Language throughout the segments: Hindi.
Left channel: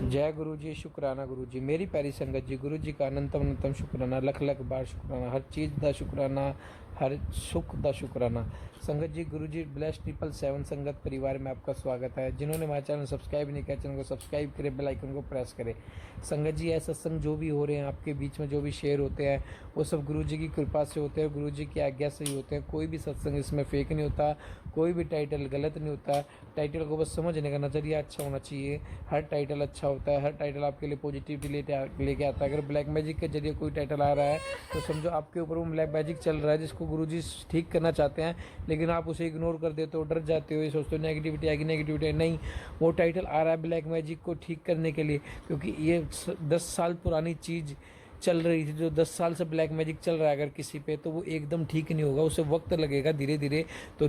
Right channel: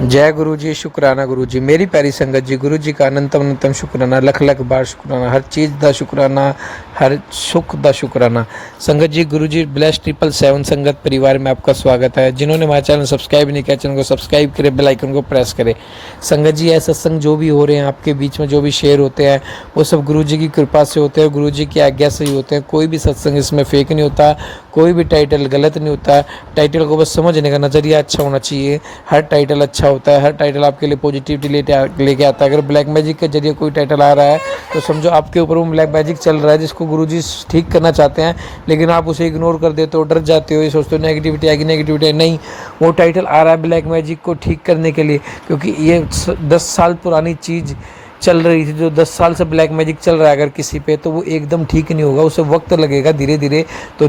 जय गुरु जी, शुकराना गुरु जी। मेरी प्यारी संगत जी, गुरु जी का अनंतम अनंतम शुकराना, लख लख बार शुकराना, हर चीज़ का शुकराना, हर सुख का शुकराना। संगत जी, गुरु जी ब्लेस 777 संगत परिवार में आपका स्वागत है। जिन्होंने हमारा चैनल सब्सक्राइब नहीं किया, चैनल को सब्सक्राइब करें, बेल आइकन को प्रेस करें। संगत जी, यह सत्संग जो भी हो रहे हैं आपके बीच में, जो भी शेयर होते हैं, वो सब गुरु जी की कृपा से होते हैं, गुरु जी की आज्ञा से ही होते हैं। कोई भी सत्संग इसमें फेक नहीं होता, कोई भी टाइटल गलत नहीं होता। टाइटल को बस समझने का नज़रिया अच्छा होना चाहिए। हर टाइटल अच्छा होता है, हर टाइटल आपके लिए पॉजिटिविटी लेके आता है। अगर ब्लैक मैजिक के जरिए कोई टाइटल आ रहा है तो समझो आपके ऊपर वो ब्लैक मैजिक चल रहा है, जिसको गुरुजी ठीक करना चाहते हैं, लेकिन आप उसे इग्नोर कर देते हो, डर जाते हो, ये सोचते हो नेगेटिविटी आएगी, नेगेटिविटी नहीं। वो टाइटल आ रहा है ब्लैक मैजिक को ठीक करने के लिए, क्योंकि ये 10 साल पुरानी चीज़ चल रही थी। जो 10 साल से ब्लैक मैजिक चल रहा है अगर किसी पे, तो वो एकदम ठीक नहीं होगा, उसे वक्त लगेगा धीरे धीरे। तो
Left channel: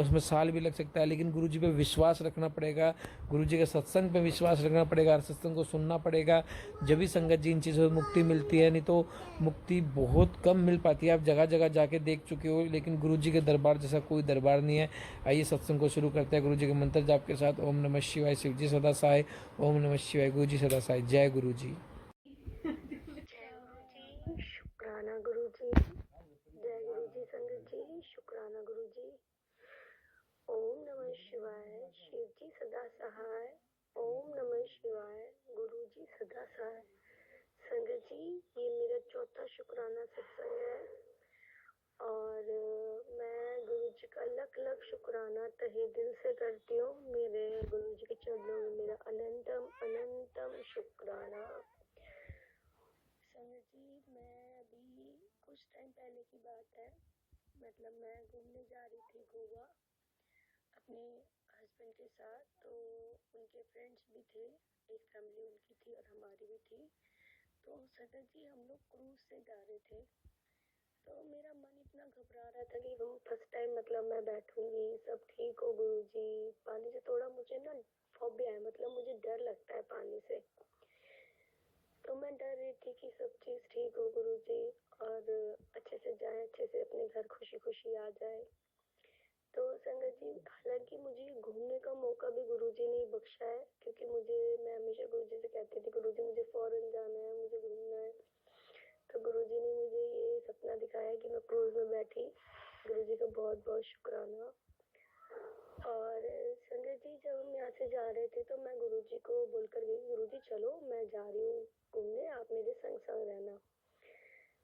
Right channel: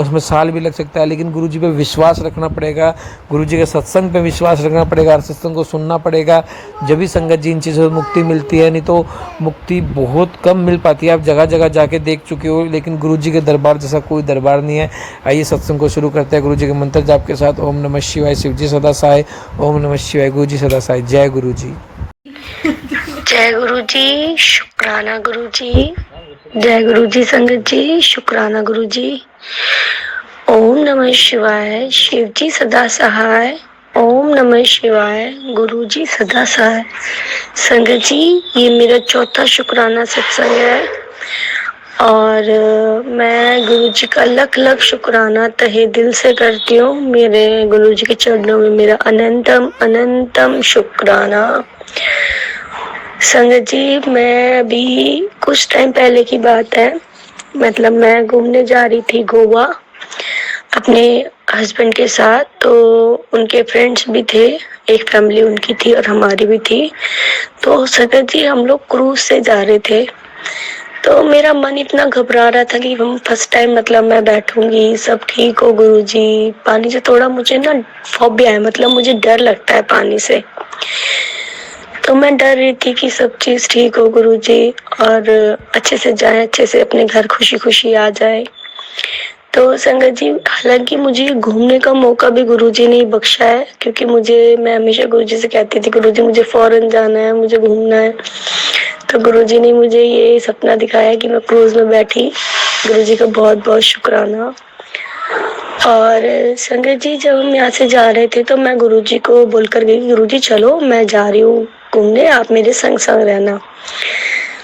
उसमें साल भी लग सकता है, लेकिन गुरुजी पे विश्वास रखना पड़ेगा, गुरुजी के सत्संग पे विश्वास रखना पड़ेगा, हर सत्संग को सुनना पड़ेगा। जब भी संगत जी इन चीज़ों से मुक्ति मिलती है, नहीं तो मुक्ति बहुत कम मिल पाती है। आप जगह जगह जाके देख चुके हो, लेकिन गुरुजी के दरबार जैसा कोई दरबार नहीं है। आइए सत्संग को शुरू करते हैं गुरुजी के मंत्र जाप के साथ। ओम नमः शिवाय, शिव जी सदा सहाय। ओम नमः शिवाय, गुरु जी सदा सहाय। जय गुरु जी। जय गुरु जी, शुक्राना गुरु जी। जय गुरु जी संगत जी, शुक्राना गुरु जी। ओम नमः शिवाय, शिव जी सदा सहाय। ओम नमः शिवाय, गुरु जी सदा सहाय। संगत जी, ये मेरा चौथा शुक्राना सत्संग है और मैं गुरु जी का लख लख शुक्राना तहे दिल से करती हूँ। मेरे गुरु जी के चरणों में मेरा अनंतम अनंतम शुक्राना। संगत जी, मैं अभी कुछ टाइम पहले की बात है, मतलब मैं घूमने जा रही थी गोवा अपने हस्बैंड के साथ। तो उनके फ्रेंड्स भी थे, एक फैमिली उनकी थी और हमारी भी थी। तो संगत जी, हम लोग क्रूज से जा रहे थे। तो मेरा मन इतना घबरा रहा था कि हम फर्स्ट टाइम, मतलब मैं बैठूंगी, सब ठीक हो गुरुजी। पानी से थोड़ा मुझे ना फोबिया है, मतलब मुझे डर लगता है पानी से। तो मैं डर रही थी कि सब चीज ठीक हो गुरुजी और अच्छे से जाए, अच्छे से अपने घर खुशी खुशी आ जाए। तो संगत जी, हालांकि मुझे घूमने का मौका भी गुरुजी ने ही बख्शा है, क्योंकि मैं हमेशा गुरुजी से कहती थी, गुरुजी मुझे फॉरेन जाना है, मुझे घूमना है। तो गुरुजी ने मुझे ये सपना दिखाया कि मैं क्रूज में बैठी। गुरुजी का बहुत बहुत शुक्राना। और संगत जी, जब हम यहाँ से जा रहे थे तो मैं गुरुजी को बोलकर गई, गुरुजी चलो मैं जा रही हूँ घूमने, आप मेरे संग संग रहना।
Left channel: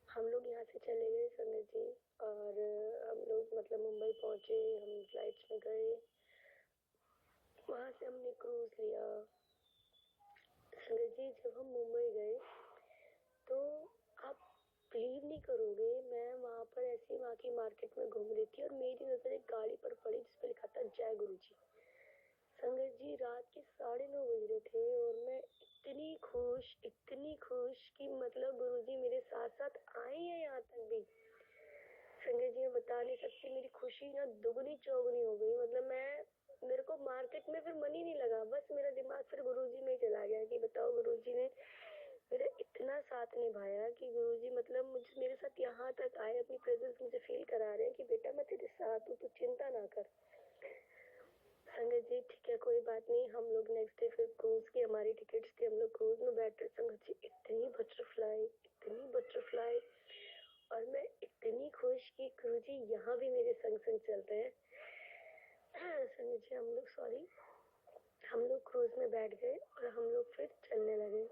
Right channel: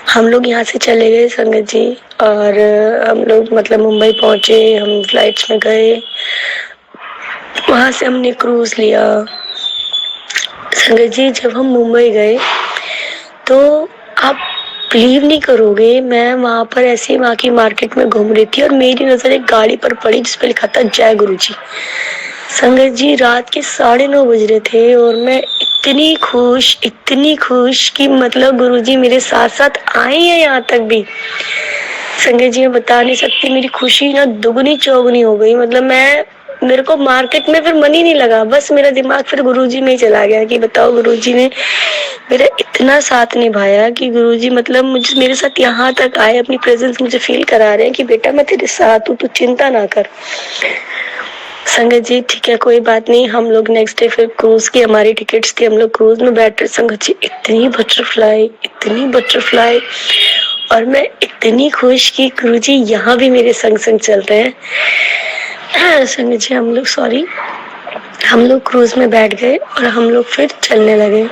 हम लोग यहाँ से चले गए संगत जी, और हम लोग मतलब मुंबई पहुंचे, हम फ्लाइट्स में गए, वहां से हमने क्रूज लिया। संगत जी, जब हम मुंबई गए तो आप बिलीव नहीं करोगे, मैं वहां पर ऐसे वहां की मार्केट में घूम रही थी और मेरी नजर एक गाड़ी पर पड़ी जिसपे लिखा था जय गुरु जी। संगत जी, रात के 9:30 बज रहे थे और मैं इतनी खुश कि मतलब गुरुजी मेरे साथ साथ आए हैं यहाँ तक भी। संगत जी, मैं बता नहीं सकती, मेरी खुशी ना दुगनी चौगुनी हो गई। मतलब मेरे को मार्केट में फिर मन ही नहीं लगा, बस मेरा दिमाग फिर गुरुजी में ही चला गया कि बताओ गुरुजी ने मेरा इतना साथ निभाया कि गुरुजी मतलब मुझे मेरे साथ यहाँ तक आए, अपनी प्रेजेंस मुझे फील करा रहे हैं कि बेटा मैं तेरे साथ हूँ, तू चिंता ना कर। संगत जी, ठीक है, कोई बात नहीं। हम लोग नेक्स्ट डे फिर क्रूज की हमारी टिकट्स थी, हम लोग क्रूज में बैठ रहे। संगत जी, इतनी बटरफ्लाई और मैं इतनी खुश कि गुरुजी यहाँ भी मेरे संग संग चल रहे हैं। संगत जी, हम लोग क्रूज में बैठ गए और हम लोग फिर चलने लगे।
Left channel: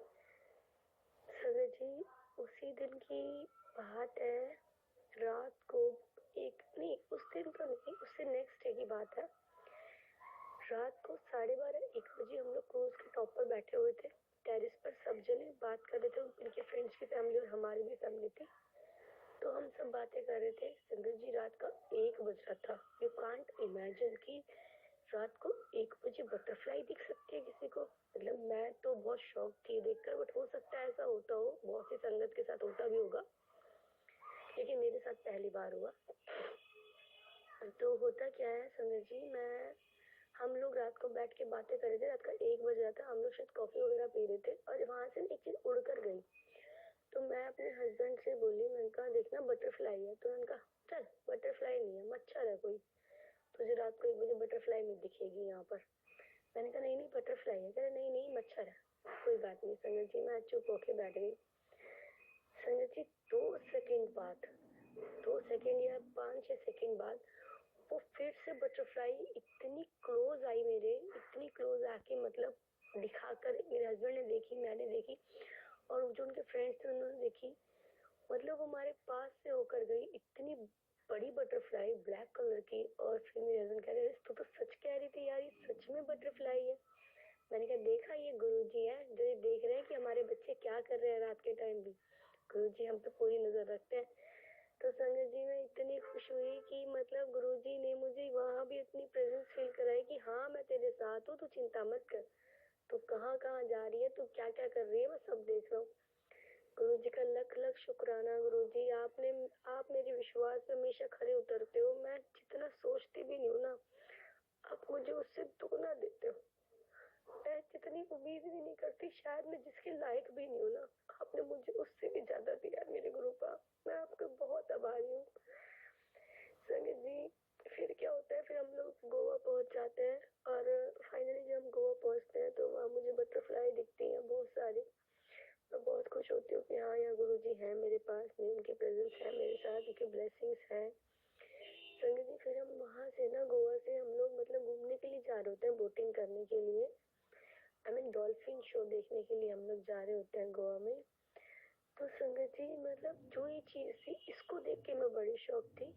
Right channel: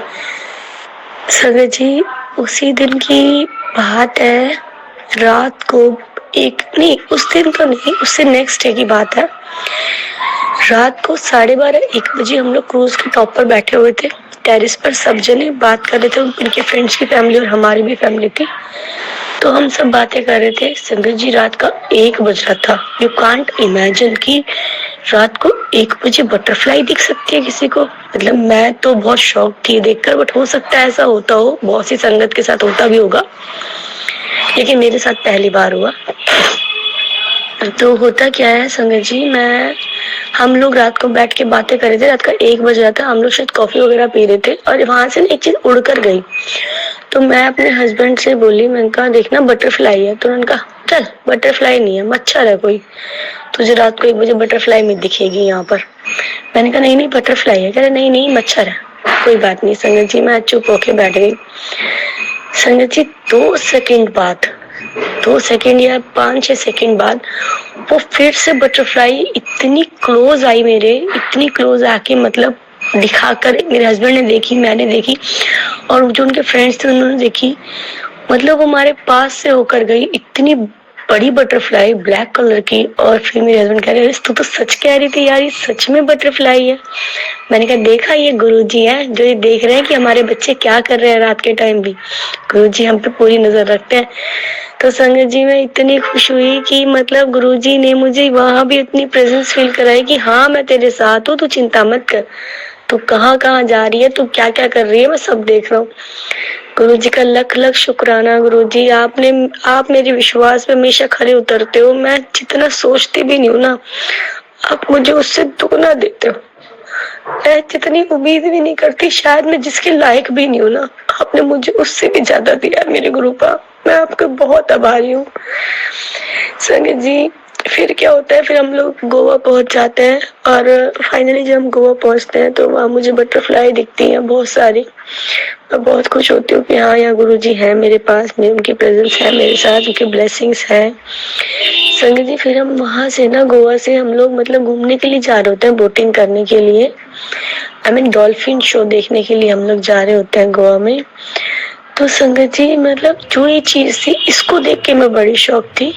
संगत जी, उसी दिन की बात है, रात को एक नहीं, उस दिन तो नहीं, उससे नेक्स्ट डे की बात है। रात को 12:30-1 बजे हम लोग क्रूज के टॉप पर बैठे हुए थे, टेरिस पर सब जने बात कर रहे थे। उनके फ्रेंड्स की फैमिली और हमारी भी फैमिली थी, तो हम सब बातें कर रहे थे। संगत जी, रात का 1 बज रहा था। यू कांट इमेजिन कि रात को 1 बजे बटरफ्लाई दिख सकती है किसी को। मतलब मैं तो बहुत शॉक थी देखकर, बट हो सकता है ऐसा होता हो, बहुत सी संगत के साथ होता भी होगा, लेकिन मेरे साथ पहली बार हुआ। तो होता क्या है संगत जी, हम लोग रात को बैठ के बातें कर रहे थे, रात का 1 बज रहा था, हम लोग शायद कॉफी वगैरह पी रहे थे और वहां से एक चीज उड़ कर गई। तो मैं अपने हस्बैंड से बोली, मैंने कहा देखना बटरफ्लाई है। तो उन्होंने कहा चल बटरफ्लाई नहीं है, मच्छर है कोई, तुझे रात को 1 बजे बटरफ्लाई में दिखेगी यहाँ पर। मैंने कहा नहीं नहीं बटरफ्लाई है। कह रहे नहीं नहीं मच्छर है, कोई बात नहीं संगत जी। मैं चुप होके बैठ गई। संगत जी 2 सेकंड बाद, 2 सेकंड या 5-6 सेकंड बाद वो फिर से बटरफ्लाई इतनी क्लोज आई मेरे, इतनी क्लोज आके मतलब दिखाकर मेरे हस्बैंड ने देखी, मैंने देखी और जो उनके फ्रेंड्स थे उन्होंने देखी। मतलब वो हमारे पास से होकर गई, इतनी बड़ी बटरफ्लाई ब्लैक कलर की। और फिर मेरे हस्बैंड कह रहे तू तो सच कह रही थी यार, ये सच में बटरफ्लाई है। मैंने कहा देखा, ये गुरुजी है जो ये देख रहे हैं कि हमारे बच्चे क्या कर रहे हैं रात के टाइम भी। गुरुजी हम पे पूरी नजर रखते हैं। तो संगत जी मैं इतनी खुश हुई कि मतलब गुरुजी ने मुझे वहां भी इतनी प्रेजेंस फील कराई कि हाँ मैं तेरे साथ हूँ, तू चिंता मत कर, तू कहाँ कहाँ जा रही है, तू क्या क्या कर रही है, मैं सब देख रहा हूँ। गुरुजी का लख लख शुक्राना। गुरुजी आप मेरे विश्वास पे हमेशा खरे उतरते हो। मैं जितना सोचती भी नहीं हूँ ना, आप मुझे उससे दुगना देते हो। मैं जितनी उम्मीद भी नहीं करती, शायद मैं जिसके लायक भी नहीं हूँ ना, आपने मुझे उससे भी ज्यादा दिया मेरे गुरुपा। मैं आपका बहुत आभारी हूँ संगत जी। फिर क्या होता है, फिर हम लोग गोवा पहुंच जाते हैं और फाइनली जब हम गोवा पहुंचते हैं तो वहाँ मुझे बटरफ्लाई दिखती हैं बहुत सारी। मैं बहुत खुश होती हूँ कि हाँ यहाँ गुरुजी है मेरे पास, मेरी उनकी प्रेजेंस है मेरे साथ, उनकी ब्लेसिंग्स है संगत जी। फिर हम वहाँ से ना, गोवा से हम लोग मतलब घूमने के लिए जा रहे होते हैं, बोटिंग करने के लिए, आई मीन डॉल्फिन शो देखने के लिए हम लोग जा रहे होते हैं गोवा में। तो संगत जी मतलब जो ये चीज थी, इसको देख के मैं बड़ी शौक थी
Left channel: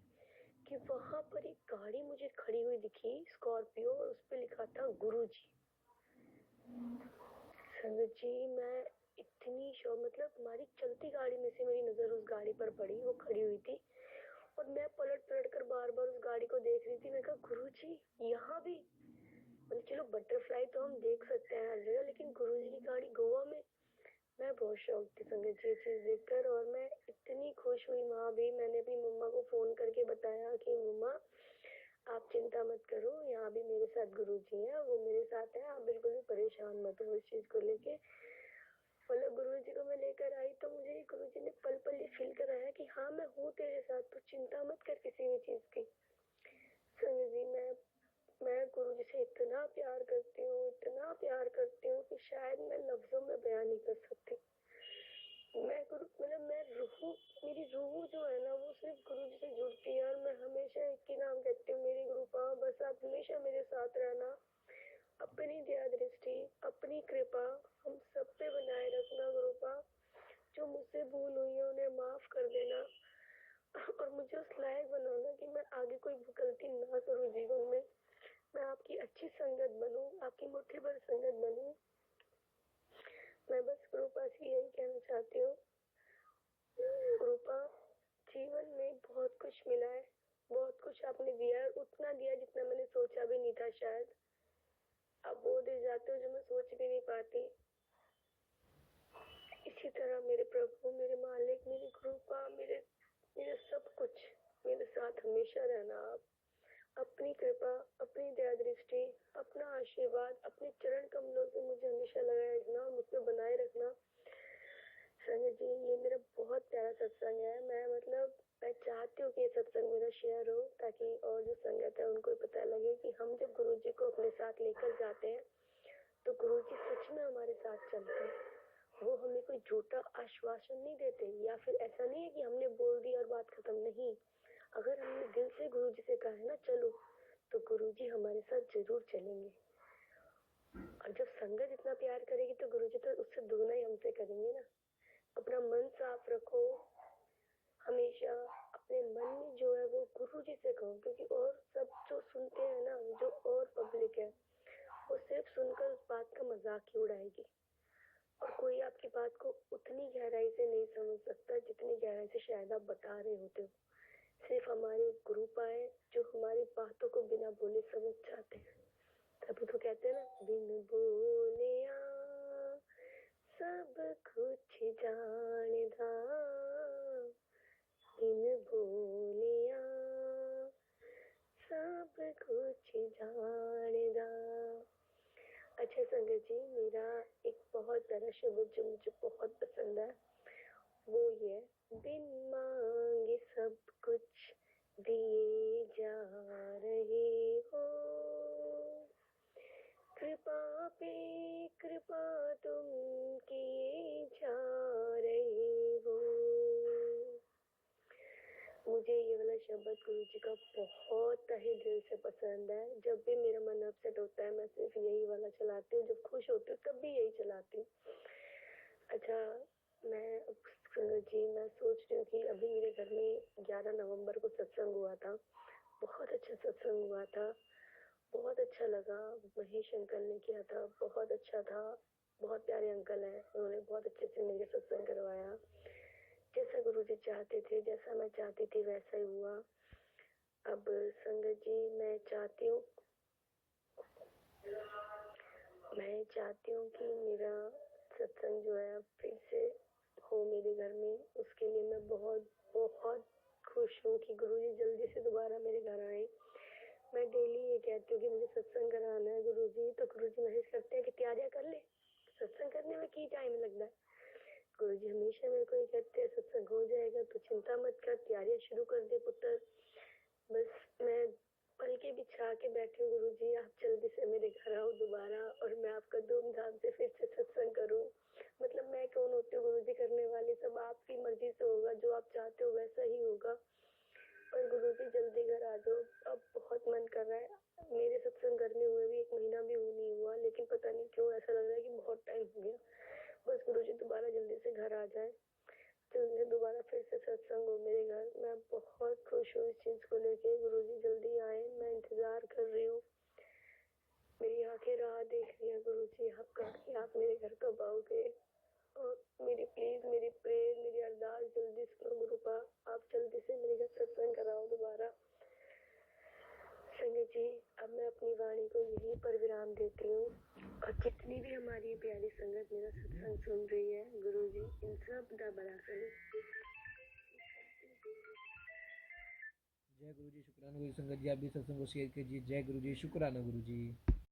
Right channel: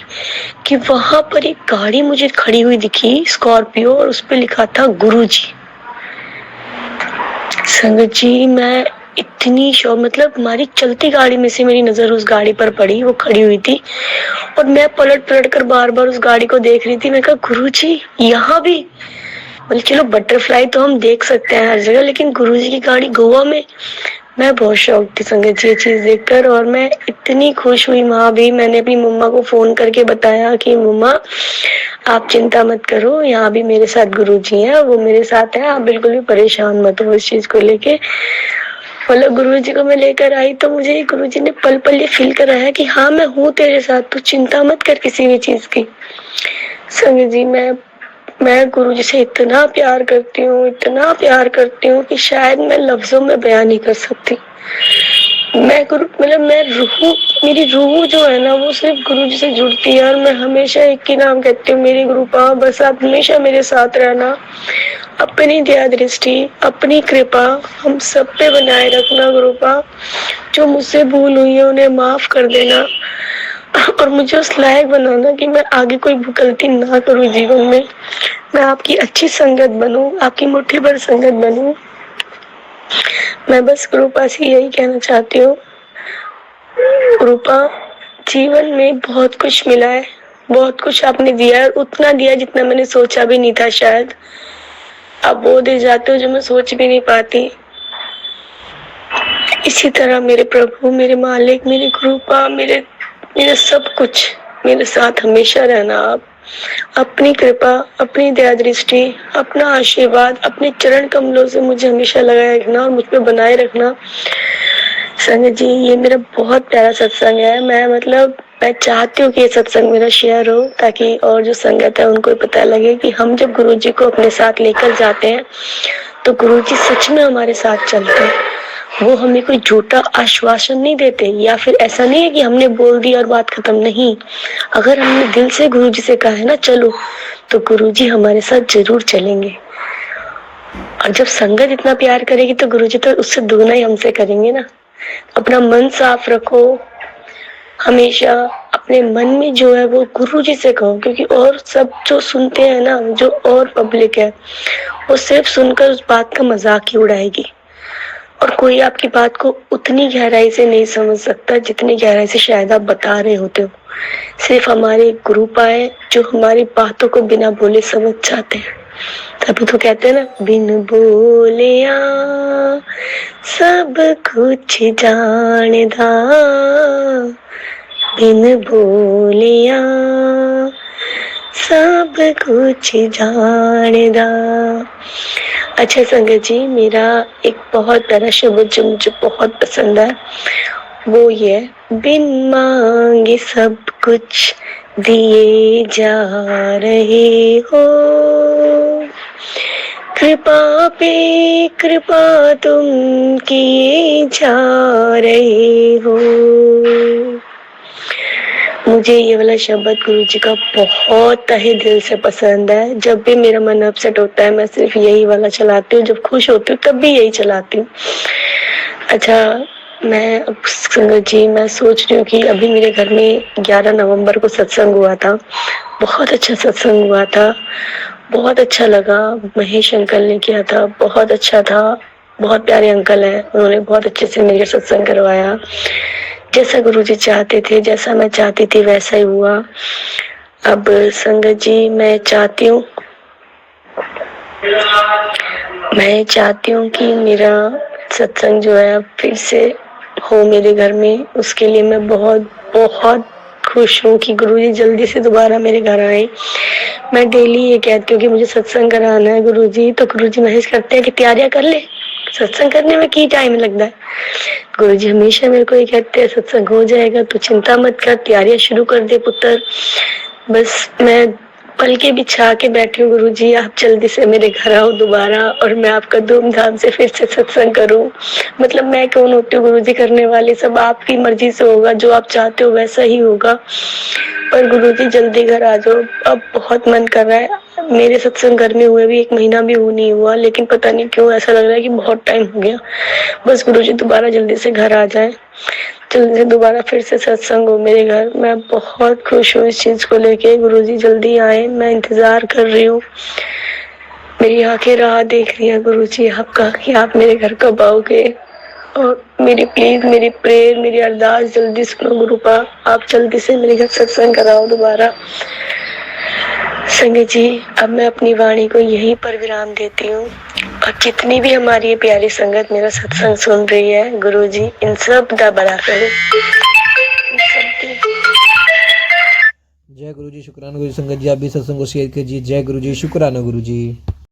कि वहां पर एक गाड़ी मुझे खड़ी हुई दिखी, स्कॉर्पियो, और उस पे लिखा था गुरुजी। संगत जी मैं इतनी शौक, मतलब हमारी चलती गाड़ी में से मेरी नजर उस गाड़ी पर पड़ी, वो खड़ी हुई थी और मैं पलट पलट कर बार बार उस गाड़ी को देख रही थी। मैं कहा गुरुजी यहाँ भी, मतलब चलो बटरफ्लाई तो हम देख सकते हैं हर जगह, लेकिन गुरुजी की गाड़ी गोवा में। मैं बहुत शौक थी संगत जी ये चीज देखकर, और मैं इतनी खुश हुई। वहां भी मैंने अपनी मम्मा को फोन करके बताया कि मम्मा आप चिंता मत करो, यहाँ भी मेरे साथ गुरुजी हैं, वो मेरे साथ हैं, आप बिल्कुल भी परेशान मत हो इस चीज को लेके। मतलब गुरुजी को मैं लेकर आई तो मुझे गुरुजी ने पल पल ये फील कराया कि हाँ मैं हूँ तेरे साथ, तू चिंता मत कर किसी भी चीज की। संगत जी मैं गुरुजी से इतना प्यार करती हूँ, इतना प्यार करती हूँ कि शायद मैं लफ्जों में बयान नहीं कर सकती। मैं गुरु मतलब मैं रूह, मेरी रूह जो है ना वो सिर्फ गुरुजी से जुड़ती है, और मैं हमेशा एक ही नाम कहती हूँ, मेरी गुरुपा बस आप हमेशा मेरे साथ रहना, अपनी दया दृष्टि, अपनी कृपा हम सब पे बनाए रखना गुरुपा। जो मुझसे भूल हुई है उन्हें माफ कर देना और मुझे उस लायक बनाना कि मैं आगे कोई गलती ना करूँ जीवन में। मैं आपकी अच्छी संगत बनूं, आपकी मुट्ठी भर संगत बनूं। मैं बस रूपा से यही कहना चाहती हूँ, रूपा जीवन में बहुत कुछ मिला है, बहुत कुछ आपने दिया है, उतना दिया जितना मैंने सोचा भी नहीं था। शायद आप वो दे जाते हो जो मैं सोच भी नहीं पाती। इसी तरह मेरे प्रभु, मेरे मालिक, मेरे गुरुपा, मेरे सब कुछ, मेरे साथ हमेशा रहना आप। अपनी कृपा, अपनी दया दृष्टि, अपना आशीर्वाद, अपने चरण कमलों से मुझे हमेशा लगाए रखना और मुझ पे बनाए रखना। संगत जी ये मेरा बहुत प्यारा सत्संग है। मैं चाहती हूँ कि ये सत्संग मेरा शेयर हो, ताकि और जो संगत है उनको पता लगे कि हम जब गुरु जी को अपने साथ लेकर जाते हैं तो गुरु जी सच में हमारे साथ चलते हैं। वो हमें कोई झूठा आश्वासन नहीं देते, या फिर ऐसा नहीं है कि हमने बोल दिया और बात खत्म। नहीं, अगर हमने दिल से गुरु जी से कहा है ना चलो, तो गुरु जी हमारे साथ जरूर चलेंगे। और जब संगत इतना प्यार करेगी तो गुरु जी तो उससे दुगना ही हमसे करेंगे ना। अपना मन साफ रखो, हमेशा अपने मन में जो है वो गुरु जी से कहो, क्योंकि और सब जो सुनते हैं ना, जो और पब्लिक है वो सिर्फ सुनकर उस बात का मजाक ही उड़ाएगी, और कोई आपकी बात को उतनी गहराई से नहीं समझ सकता जितनी गहराई से शायद आप बता रहे होते हो। सिर्फ हमारे गुरु पाए जो हमारी बातों को बिना बोले समझ जाते हैं। तभी तो कहते हैं ना, बिन बोलिया सब कुछ जानदा, बिन बोलिया सब कुछ जानदा। अच्छा संगत जी, मेरा एक बहुत प्यारा शब्द जो मुझे बहुत पसंद है वो ये, बिन मांगे सब कुछ दिए जा रहे हो, कृपा पे कृपा तुम किए जा रहे हो। मुझे ये वाला शब्द गुरु जी का बहुत तहे दिल से पसंद है। जब भी मेरा मन अपसेट होता है मैं सिर्फ यही वाला चलाती हूँ, जब खुश होती हूँ तब भी यही चलाती हूँ। अच्छा, मैं अब संगत जी मैं सोच रही हूँ कि अभी मेरे घर में 11 नवंबर को सत्संग हुआ था। बहुत अच्छा सत्संग हुआ था, बहुत अच्छा लगा। महेश अंकल ने किया था, बहुत अच्छा था। बहुत प्यारे अंकल हैं, उन्होंने बहुत अच्छे से मेरे सत्संग करवाया। जैसा गुरुजी चाहते थे, जैसा मैं चाहती थी वैसा ही हुआ। अब संगत जी मैं चाहती हूँ कि मेरा सत्संग जो है फिर से हो मेरे घर में। उसके लिए मैं बहुत बहुत खुश हूँ कि गुरुजी जल्दी से दोबारा मेरे घर आए। मैं डेली ये कहती हूँ कि मुझे सत्संग कराना है गुरुजी, तो गुरुजी मैसेज करते हैं कि तैयारियां कर ले, सत्संग करने में की टाइम लगता है। गुरुजी हमेशा मेरे को ये कहते हैं सत्संग हो जाएगा, तू चिंता मत कर, तैयारियां शुरू कर दे पुत्र। बस मैं पलके बिछा के बैठी हूँ गुरुजी, आप जल्दी से मेरे घर आओ दोबारा और मैं आपका धूमधाम से फिर से सत्संग करूं। मतलब मैं कौन होती हूँ गुरुजी करने वाली, सब आपकी मर्जी से होगा, जो आप चाहते हो वैसा ही होगा। पर गुरुजी जल्दी घर आ जाओ, अब बहुत मन कर रहा है। मेरे सत्संग घर में हुए भी 1 महीना भी नहीं हुआ, लेकिन पता नहीं क्यों ऐसा लग रहा है कि बहुत टाइम हो गया। बस गुरुजी दोबारा जल्दी से घर आ जाए, जल्दी से दोबारा फिर से सत्संग हो मेरे घर। मैं बहुत खुश हूँ इस चीज को लेके। गुरुजी जल्दी आए, मैं इंतजार कर रही हूँ। मेरी आंखें राह देख रही हैं गुरुजी आपका कि आप मेरे घर कब आओगे। और मेरी प्लीज मेरी प्रेयर मेरी अरदास जल्दी सुनो गुरुपा, आप जल्दी से मेरे घर सत्संग कराओ दोबारा। संगत जी, अब मैं अपनी वाणी को यहीं पर विराम देती हूँ। और जितनी भी हमारी ये प्यारी संगत मेरा सत्संग सुन रही है, गुरुजी इन सब का भला करे। जय गुरु जी, शुक्राना गुरु जी। संगत जी आप भी सत्संग को शेयर कीजिए। जय गुरु जी, शुक्राना गुरु जी।